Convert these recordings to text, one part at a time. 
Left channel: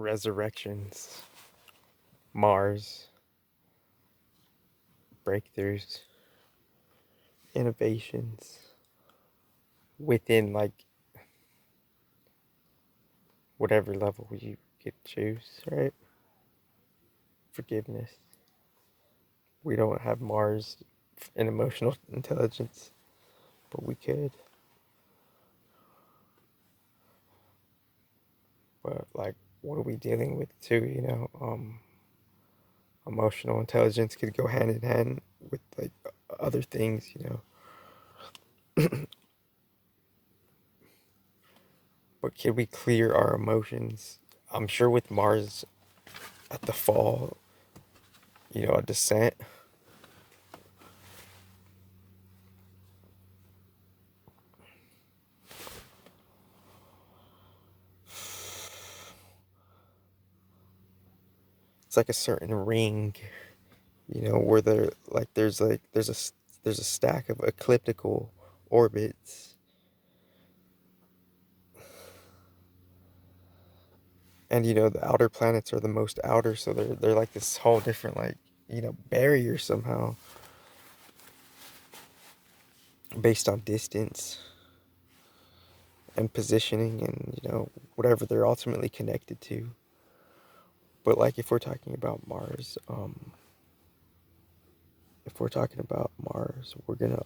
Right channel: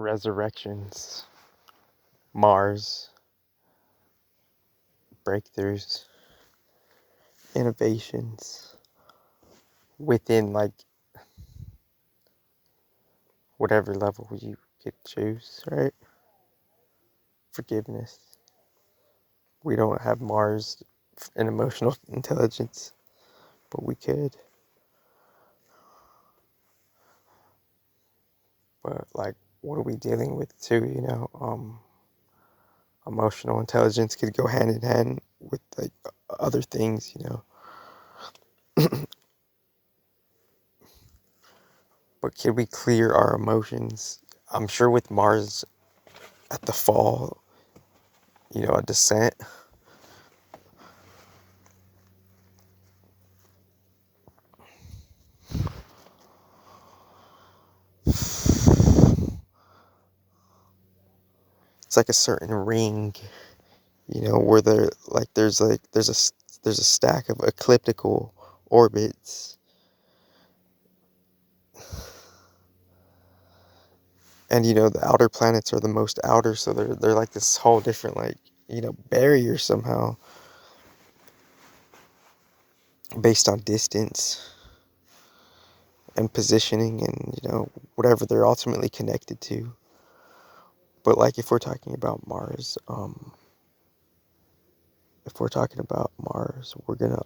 resurrections, Mars, breakthroughs, innovations within like whatever level you could choose, right? Forgiveness. We don't have Mars and emotional intelligence, but we could. But like, what are we dealing with too? Emotional intelligence could go hand in hand with like other things. But can we clear our emotions? I'm sure with Mars at the fall, a descent. It's like a certain ring, where there's a stack of ecliptical orbits, and the outer planets are the most outer, so they're like this whole different like barrier somehow based on distance and positioning and whatever they're ultimately connected to. But like if we're talking about Mars, we're gonna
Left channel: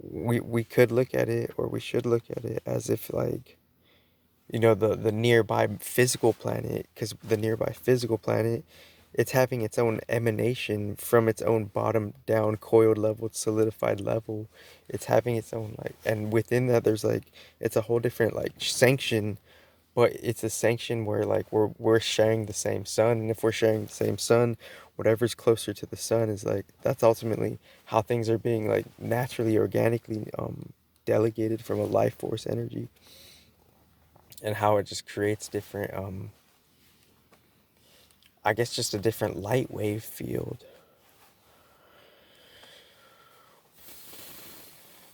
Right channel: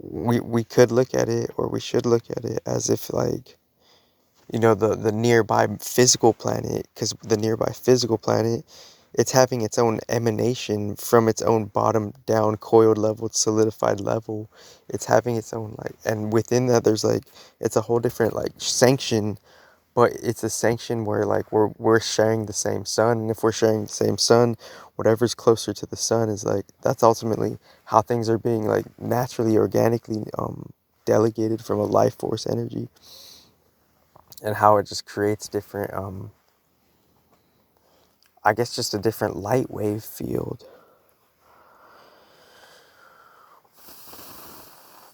we could look at it, or we should look at it as if like the nearby physical planet, because the nearby physical planet, it's having its own emanation from its own bottom down coiled level, solidified level. It's having its own like, and within that there's like, it's a whole different like sanction, but it's a sanction where like we're sharing the same sun, and if we're sharing the same sun, whatever's closer to the sun is like, that's ultimately how things are being like naturally, organically delegated from a life force energy, and how it just creates different I guess just a different light wave field.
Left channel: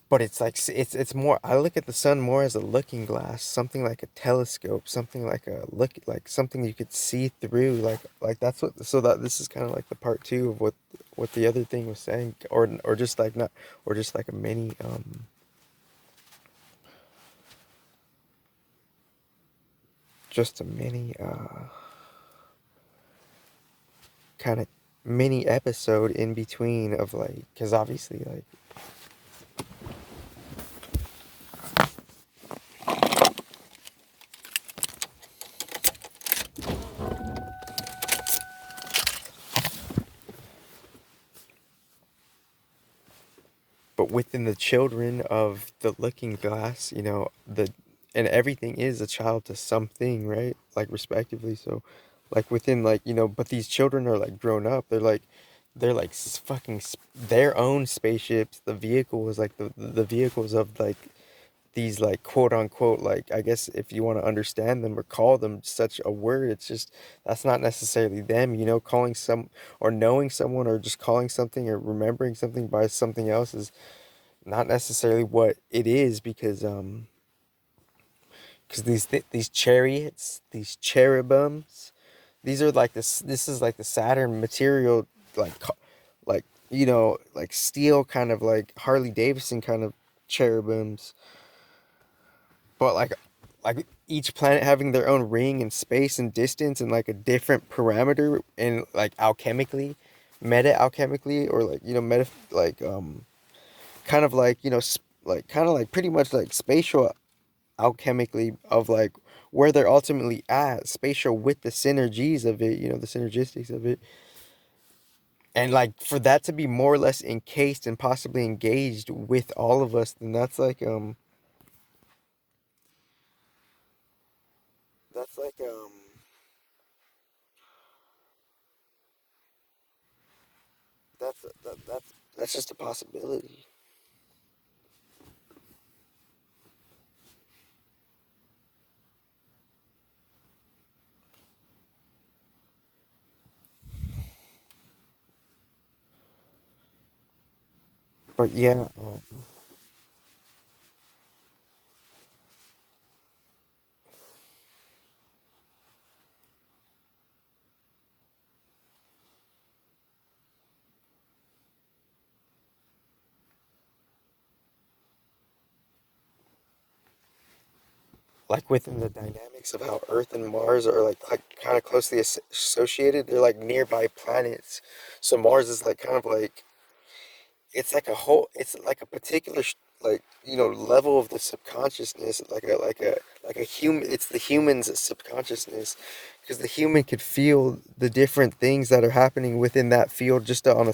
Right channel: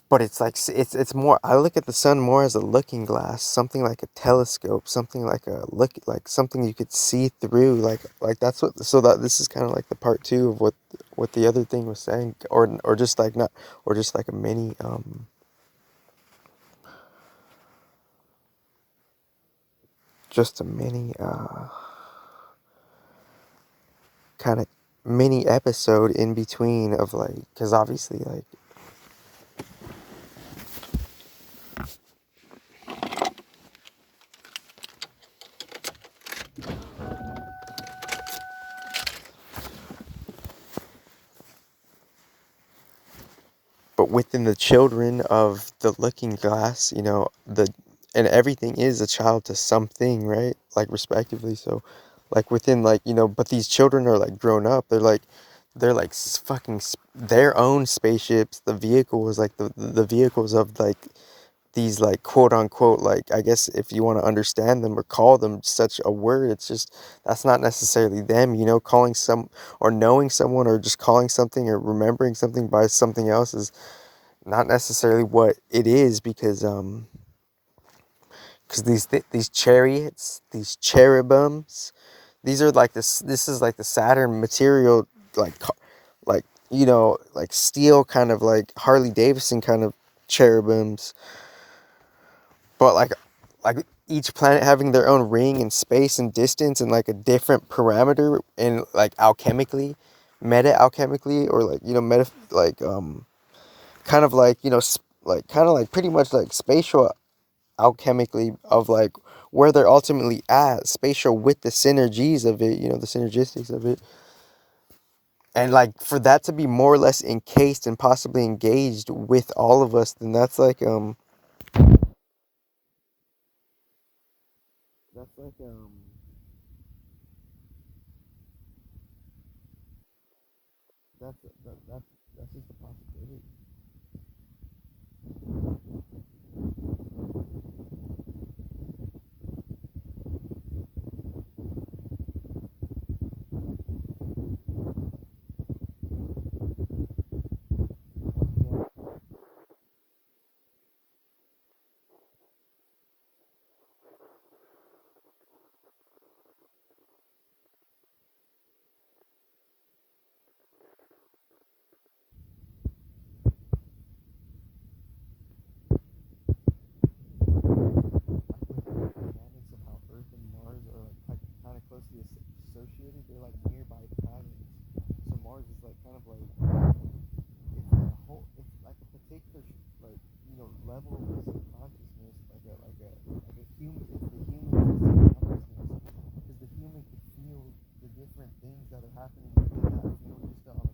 But it's like it's more, I look at the sun more as a looking glass, something like a telescope, something like a look, like something you could see through, like that's what, so that this is kind of like the part two of what the other thing was saying, or just like not, or just like a mini just a mini kind of mini episode in between of like, because obviously like, but within the children of the looking glass, and everything is a child to something, right? Like respectively. So like within like, but these children are like grown up. They're like fucking their own spaceships. The vehicle is like the vehicles of like these like quote unquote, like, I guess if you want to understand them or call them such a word, it's just, that's not necessarily them, calling some, or knowing someone, or just calling something or remembering something by something else is not necessarily what it is, because these chariots, these cherubims, these are like this is like the Saturn material, like like like steel, kind of like Harley Davidson kind of cherubims, but like each planet having their own ring and space and distance and like a different parameter, and like alchemically, meta alchemically, or like meta, like kind of like like kind of like pretty much like spatial alchemically, of like where they're ultimately at, spatial, with the synergies of it, the synergistics of it, and like for that to be more or less encased and possibly engaged with all of us, then that's like that's just a possibility. But yeah, like within the dynamics of how Earth and Mars are like kind of closely associated. They're like nearby planets. So Mars is like kind of like it's like a whole it's like a particular like level of the subconsciousness, like a human. It's the human's subconsciousness, because the human could feel the different things that are happening within that field just on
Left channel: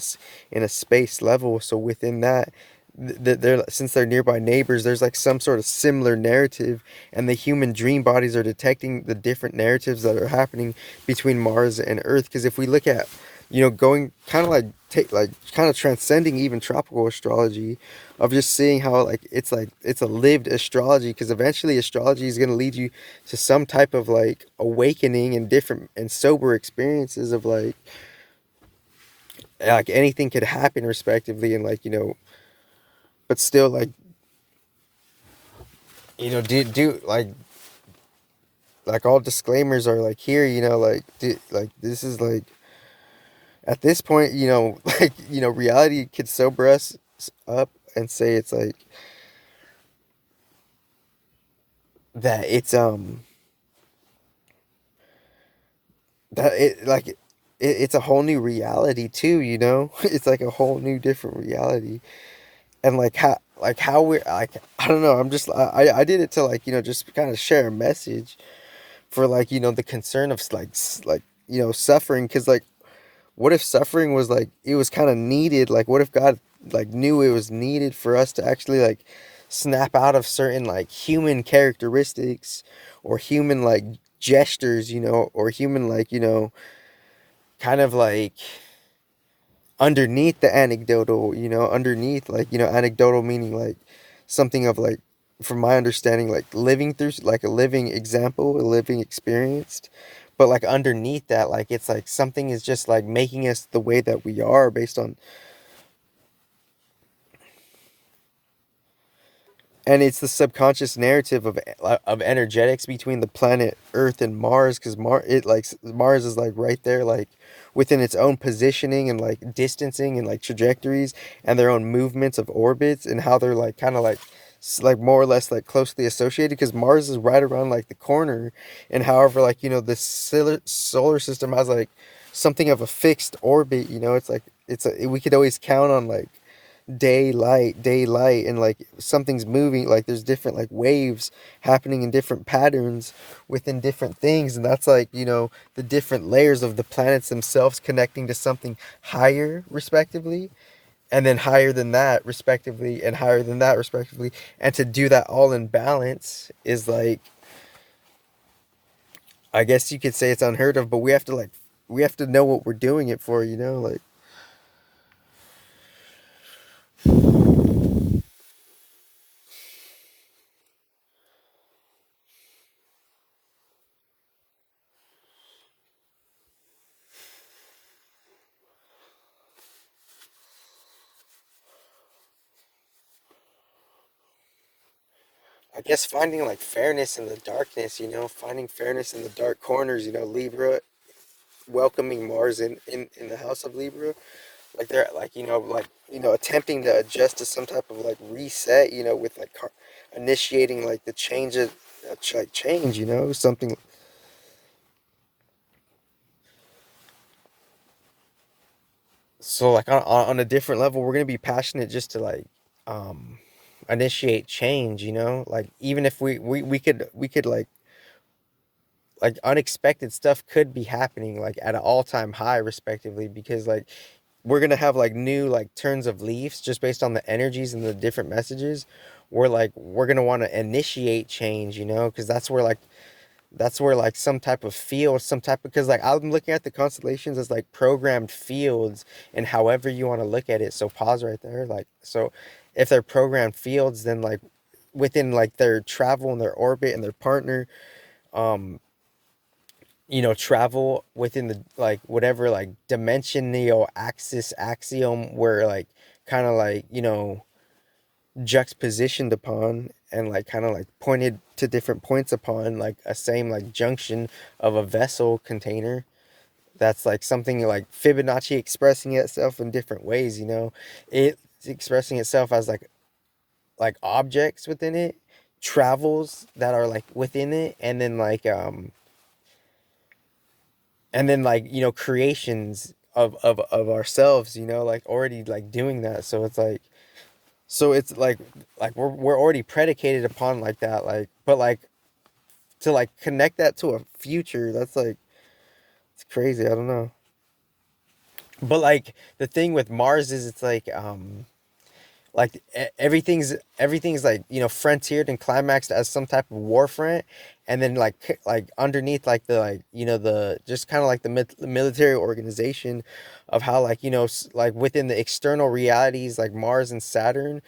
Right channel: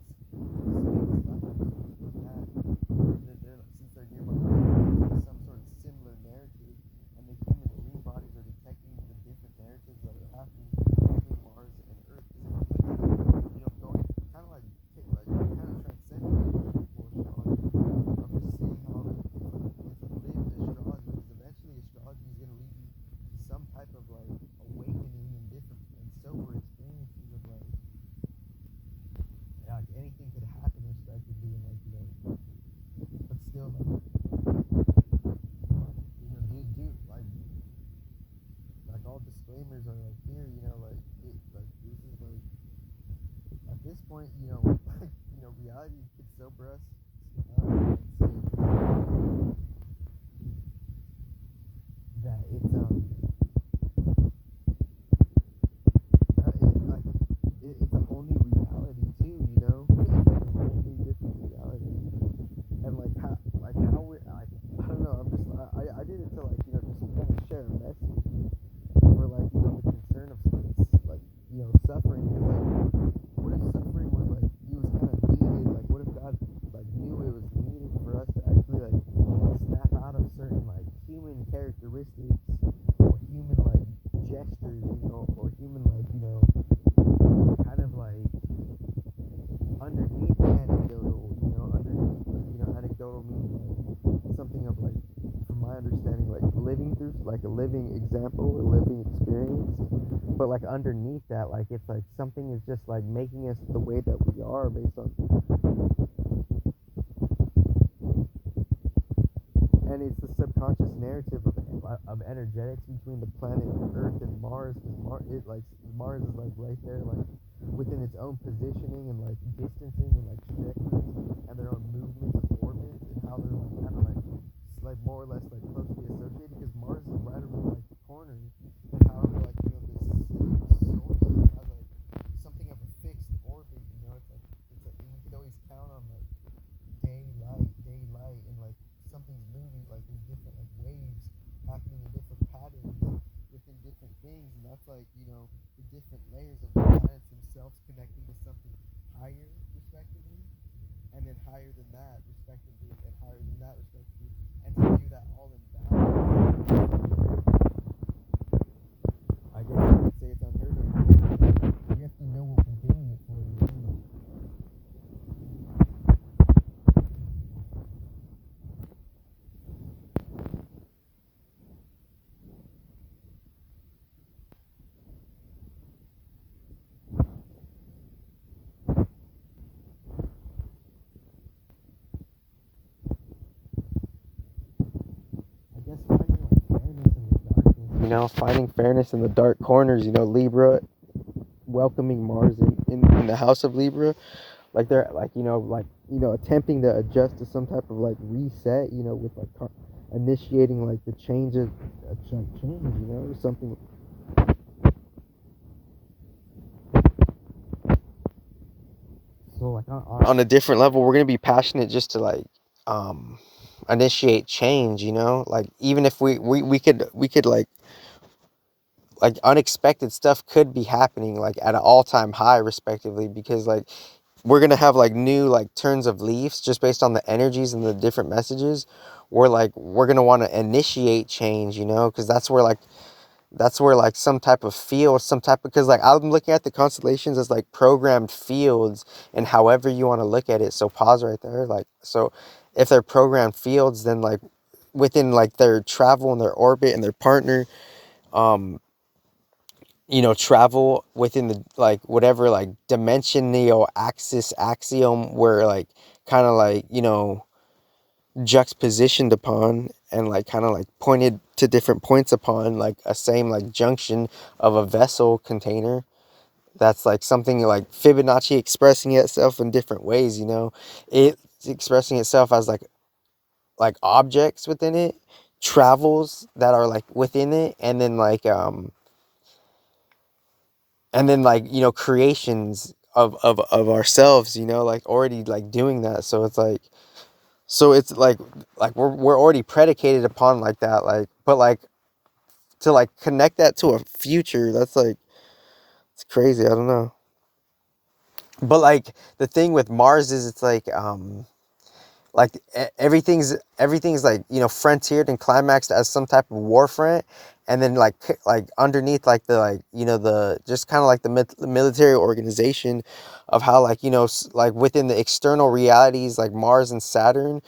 in a space level. So within that, they're, since they're nearby neighbors, there's like some sort of similar narrative, and the human dream bodies are detecting the different narratives that are happening between Mars and Earth. Because if we look at, going kind of like take like kind of transcending even tropical astrology, of just seeing how like it's a lived astrology, because eventually astrology is going to lead you to some type of like awakening and different and sober experiences of like anything could happen respectively, and like but still like do like all disclaimers are like here, like like this is like at this point, like reality could sober us up and say it's like that it's a whole new reality too, it's like a whole new different reality. And like how we're like, I don't know, I'm just I did it to like just kind of share a message for like the concern of like suffering, because like what if suffering was like it was kind of needed? Like what if God like knew it was needed for us to actually like snap out of certain like human characteristics, or human like gestures, or human like kind of like underneath the anecdotal, underneath like anecdotal meaning like something of like, from my understanding, like living through like a living example, a living experience. But like underneath that, like it's like something is just like making us the way that we are based on, and it's the subconscious narrative of energetics between the planet Earth and Mars, because Mars is like right there, like within its own positioning and like distancing and like trajectories, and their own movements of orbits, and how they're like kind of like more or less like closely associated, because Mars is right around like the corner. And however, like the solar system has like something of a fixed orbit, it's like we could always count on like daylight, and like something's moving, like there's different like waves happening in different patterns within different things. And that's like the different layers of the planets themselves connecting to something higher respectively, and then higher than that respectively, and higher than that respectively. And to do that all in balance is like, I guess you could say it's unheard of, but we have to know what we're doing it for, like. I guess finding like fairness in the darkness, finding fairness in the dark corners, Libra, welcoming Mars in the house of Libra, like they're like, attempting to adjust to some type of like reset, with like initiating like the change of like change, something. So like on a different level, we're gonna be passionate just to like um initiate change, like even if we could like unexpected stuff could be happening like at an all-time high respectively, because like we're gonna have like new like turns of leaves just based on the energies and the different messages. We're gonna want to initiate change, because that's where some type of field, some type of, because like I'm looking at the constellations as like programmed fields, and however you want to look at it. So pause right there. Like, so if they're programmed fields, then like within like their travel and their orbit and their partner, um travel within the like whatever like dimensional axis axiom, where like kind of like juxtapositioned upon, and like kind of like pointed to different points upon like a same like junction of a vessel container. That's like something like Fibonacci expressing itself in different ways, it's expressing itself as like objects within it, travels that are like within it, and then like, you know, creations of ourselves, you know, like already like doing that. So it's like, so it's like we're already predicated upon like that, like, but like to like connect that to a future, that's like, it's crazy. I don't know. But like the thing with Mars is it's like everything's like, you know, frontiered and climaxed as some type of war front, and then like underneath like the, like, you know, the just kind of like the military organization of how, like, you know, like within the external realities, like Mars and Saturn,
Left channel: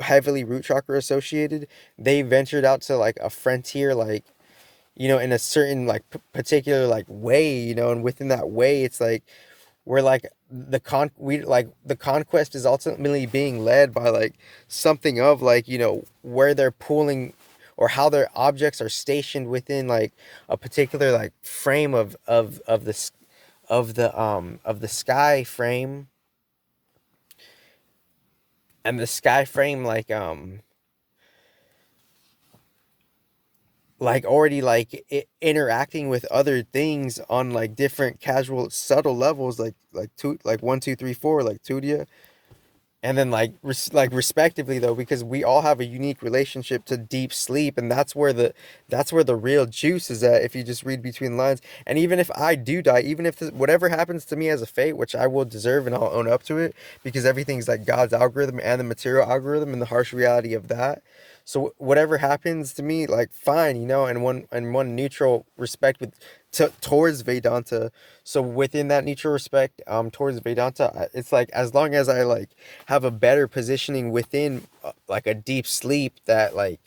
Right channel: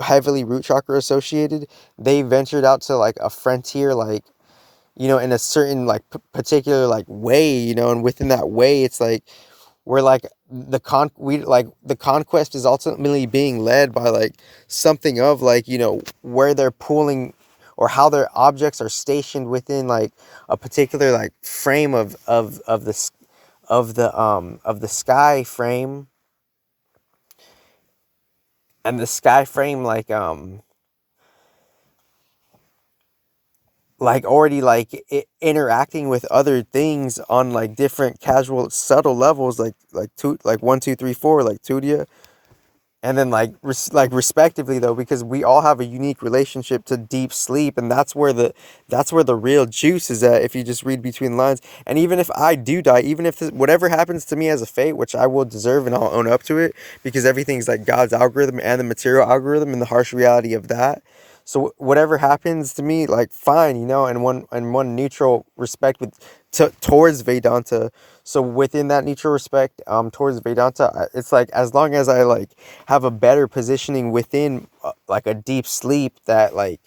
heavily root chakra associated, they ventured out to like a frontier, like, you know, in a certain like particular like way, you know, and within that way it's like where like the conquest is ultimately being led by like something of, like, you know, where they're pulling or how their objects are stationed within like a particular like frame of the sky frame, and the sky frame like already like interacting with other things on like different casual subtle levels, like two, like 1 2 3 4, like Tudia. And then like like respectively though, because we all have a unique relationship to deep sleep, and that's where the real juice is at, if you just read between lines. And even if I do die, even if whatever happens to me as a fate, which I will deserve and I'll own up to it, because everything's like God's algorithm and the material algorithm and the harsh reality of that. So whatever happens to me, like, fine, you know, and one neutral respect with towards Vedanta. So within that neutral respect towards Vedanta, it's like, as long as I like have a better positioning within like a deep sleep, that like,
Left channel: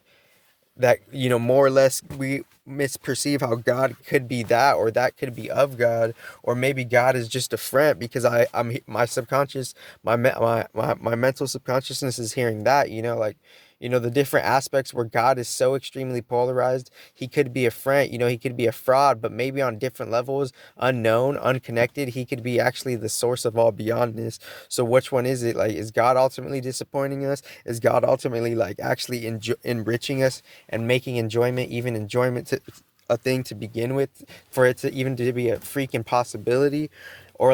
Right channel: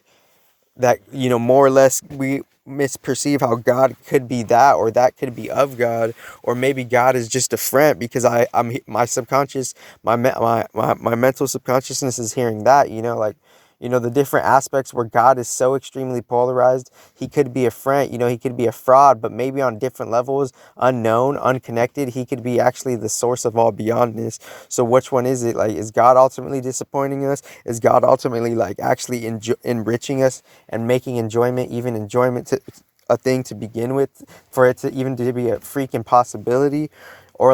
that, you know, more or less we misperceive how God could be that, or that could be of God, or maybe God is just a friend, because I'm my subconscious, my mental subconsciousness is hearing that, you know, like, you know, the different aspects where God is so extremely polarized. He could be a friend, you know, he could be a fraud, but maybe on different levels, unknown, unconnected, he could be actually the source of all beyondness. So which one is it? Like, is God ultimately disappointing us? Is God ultimately like actually enriching us and making enjoyment, even enjoyment, to a thing to begin with, for it to even to be a freaking possibility? Or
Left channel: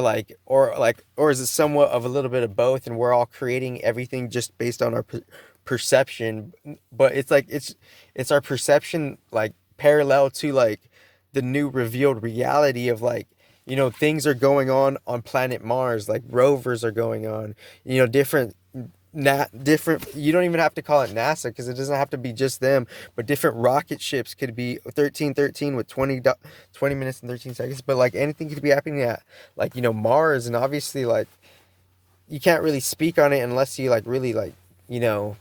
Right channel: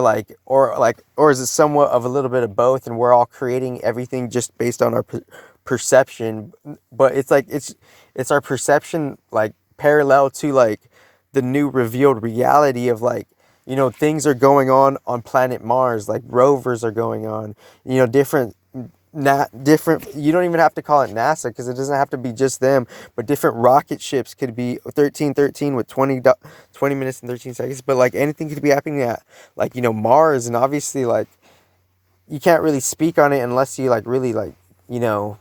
is it somewhat of a little bit of both, and we're all creating everything just based on our perception? But it's like it's our perception, like, parallel to like the new revealed reality of, like, you know, things are going on planet Mars, like rovers are going on, you know, different, you don't even have to call it NASA, because it doesn't have to be just them, but different rocket ships could be 1313 with 20 minutes and 13 seconds, but like anything could be happening at, like, you know, Mars. And obviously, like, you can't really speak on it unless you like really, like, you know,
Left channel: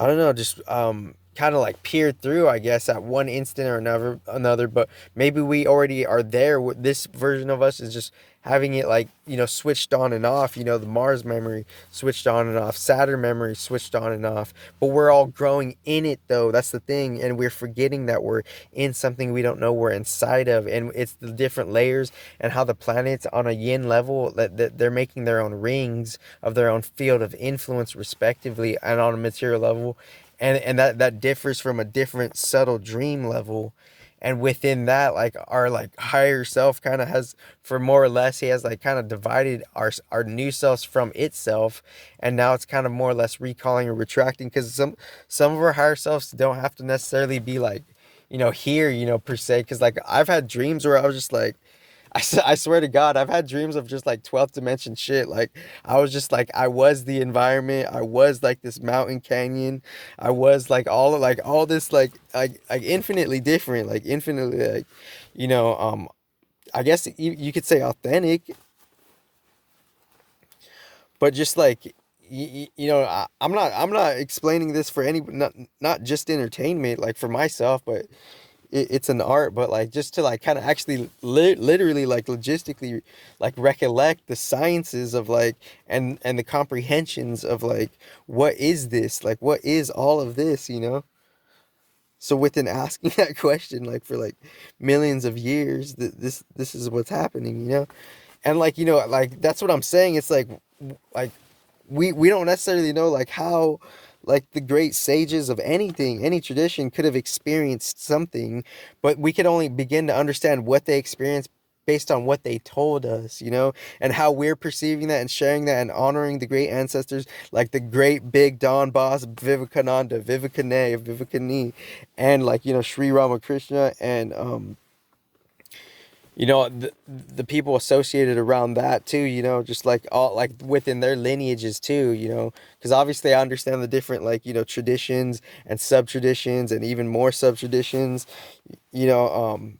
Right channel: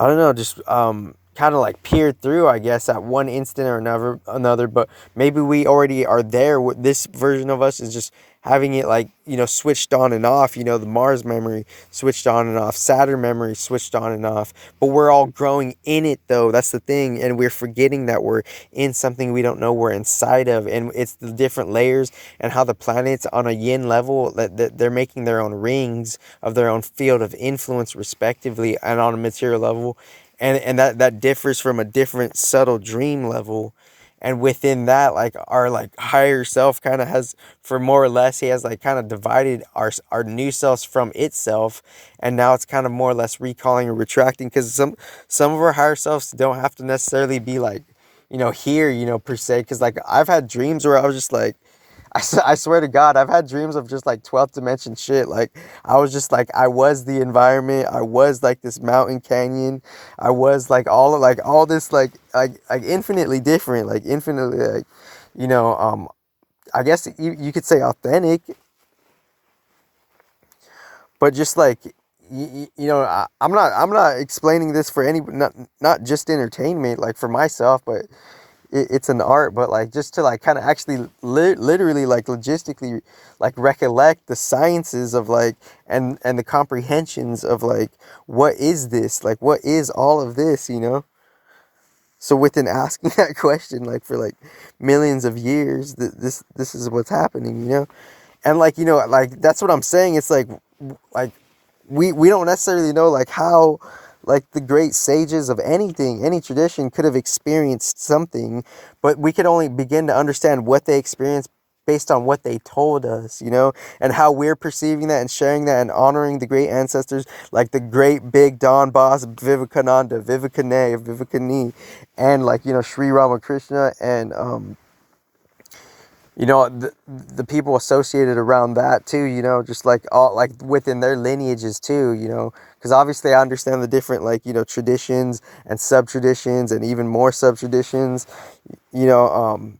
I don't know, just kind of like peered through, I guess, at one instant or another. But maybe we already are there. This version of us is just having it, like, you know, switched on and off. You know, the Mars memory switched on and off, Saturn memory switched on and off. But we're all growing in it, though. That's the thing, and we're forgetting that we're in something we don't know we're inside of, and it's the different layers, and how the planets on a yin level, that they're making their own rings of their own field of influence respectively, and on a material level, and that differs from a different subtle dream level. And within that, like, our like higher self kind of has, for more or less, he has like kind of divided our new selves from itself, and now it's kind of more or less recalling or retracting, because some of our higher selves don't have to necessarily be like, you know, here, you know, per se, because like I've had dreams where I was just like, I swear to God, I've had dreams of just like 12th dimension shit. Like, I was just like, I was the environment. I was like this mountain canyon. I was like all this, like infinitely different, like infinitely, like, you know, I guess you could say authentic, but just like, you know, I'm not explaining this for any, not just entertainment, like for myself, but it's an art, but like just to like kind of actually literally, like logistically, like recollect the sciences of like, and the comprehensions of like, what is this, like, what is all of this, you know? So within asking that question, like, for like millions of years, this is what's happening, you know? And like, you know, like, that's what I'm saying. It's like we don't necessarily know like how, like the great sages of anything, any tradition could have experienced something, but we could only begin to understand what they experienced based on what they told us, and how we're perceiving that and sharing that and honoring the great ancestors, like the great big Don boss Vivekananda, Vivekani, and like, Sri Ramakrishna, and the people associated around that too, just like all like within their lineages too, because obviously I understand the different, like, traditions and sub traditions and even more sub traditions, you know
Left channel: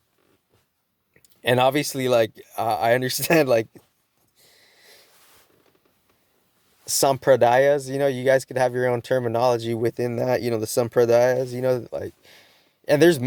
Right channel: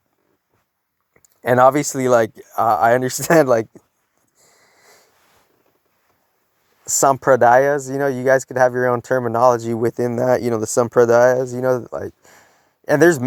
and obviously, like, I understand, like, sampradayas, you guys could have your own terminology within that, the sampradayas, like. And there's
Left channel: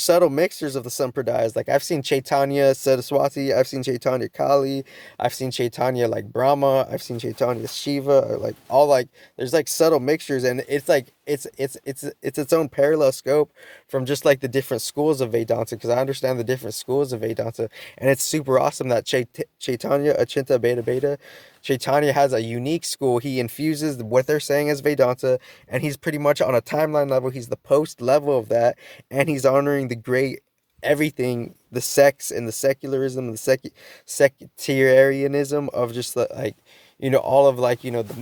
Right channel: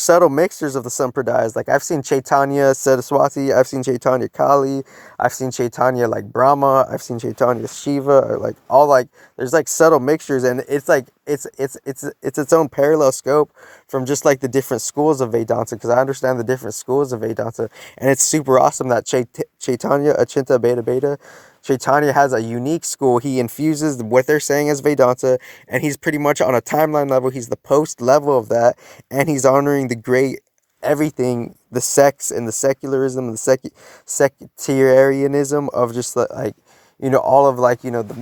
subtle mixtures of the Sampradayas. Like, I've seen Chaitanya Saraswati, I've seen Chaitanya Kali, I've seen Chaitanya like Brahma, I've seen Chaitanya Shiva, or like all, like, there's like subtle mixtures, and it's like it's its own parallel scope from just like the different schools of Vedanta, because I understand the different schools of Vedanta, and it's super awesome that Chaitanya Achinta Beta Beta Chaitanya has a unique school. He infuses what they're saying as Vedanta, and he's pretty much on a timeline level. He's the post level of that, and he's honoring the great everything, the sects and the secularism, the sectarianism of just like, all of, like, the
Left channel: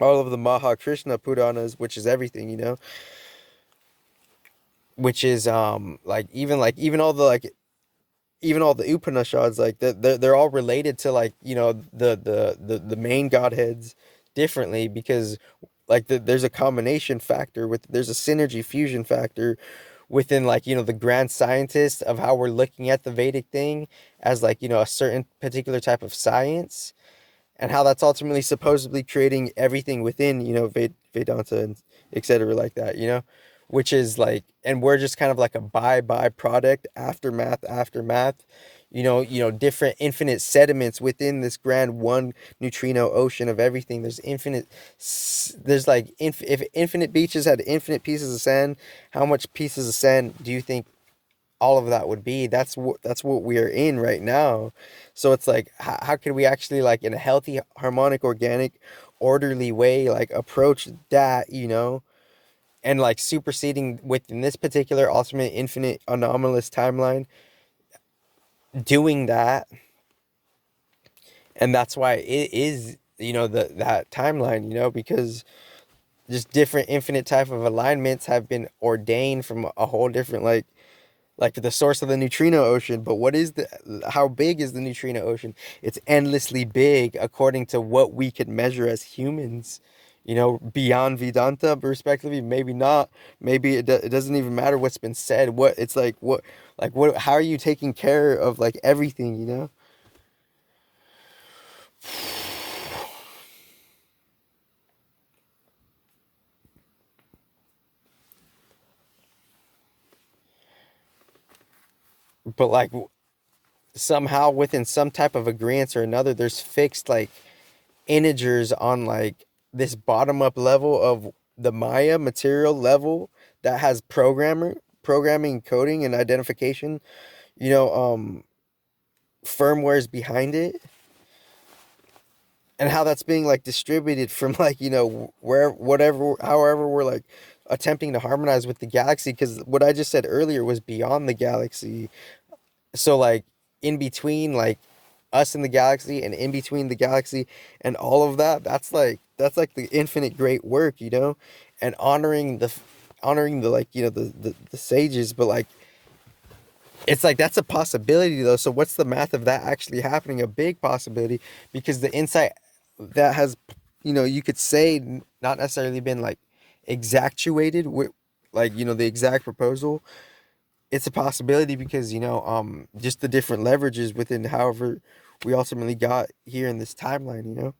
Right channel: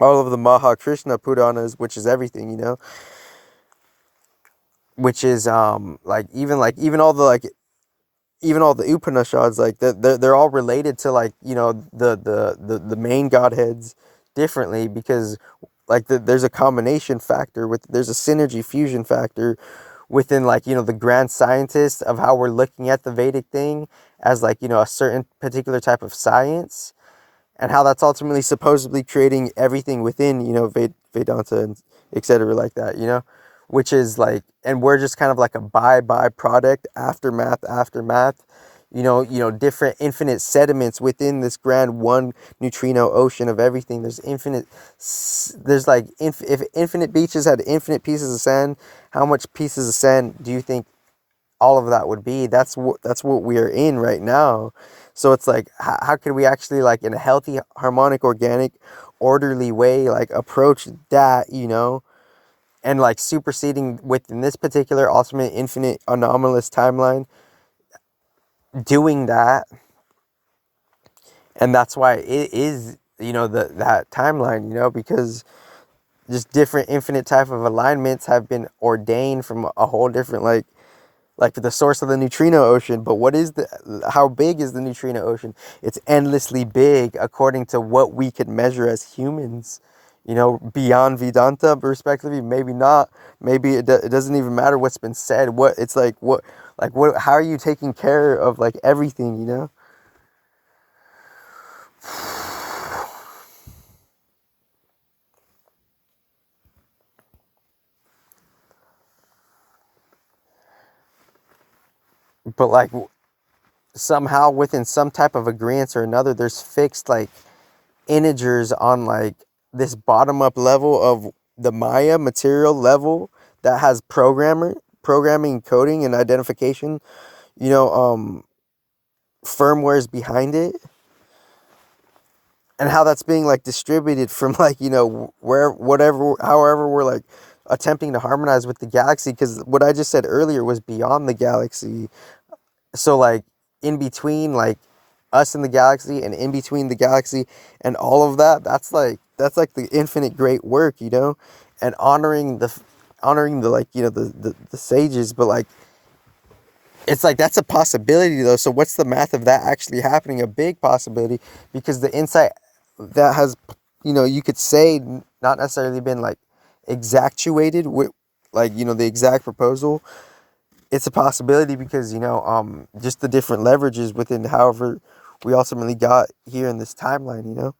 all of the Maha Krishna Puranas, which is everything, which is like even all the, like, even all the Upanishads, like, they're all related to, like, the main godheads differently, because like there's a combination factor there's a synergy fusion factor within, like, the grand scientist of how we're looking at the Vedic thing as, like, a certain particular type of science, and how that's ultimately supposedly creating everything within, Vedanta and etc. like that, which is like, and we're just kind of like a byproduct, aftermath, different infinite sediments within this grand one neutrino ocean of everything. There's there's like, if infinite beaches had infinite pieces of sand, how much pieces of sand do you think all of that would be? That's what we are in right now. So it's like, how could we actually, like, in a healthy, harmonic, organic, orderly way, like, approach that, and like superseding within this particular ultimate infinite anomalous timeline, doing that. And that's why it is, that timeline, because just different infinite type of alignments have been ordained from a whole different, like the source of the neutrino ocean. But how big is the neutrino ocean? It's endlessly big according to what we could measure as humans, beyond Vedanta, respectively. Maybe not. Maybe it doesn't even matter what's been said. How are you taking care of, like, everything, But, like, somehow within some type of agreement or another, there's fixed, like, integers on, like, this bottom up level of the Maya material level that has programming, coding, and identification, firmwares behind it, and how that's being, like, distributed from, like, where, whatever, however we're, like, attempting to harmonize with the galaxy, because what I just said earlier was beyond the galaxy. So, like, in between, like, us and the galaxy, and in between the galaxy and all of that, that's like the infinite great work, and honoring the, like, the sages. But, like, it's like that's a possibility though. So what's the math of that actually happening? A big possibility, because the insight that has, you could say, not necessarily been, like, exactuated with, like, the exact proposal. It's a possibility because, just the different leverages within however we ultimately got here in this timeline,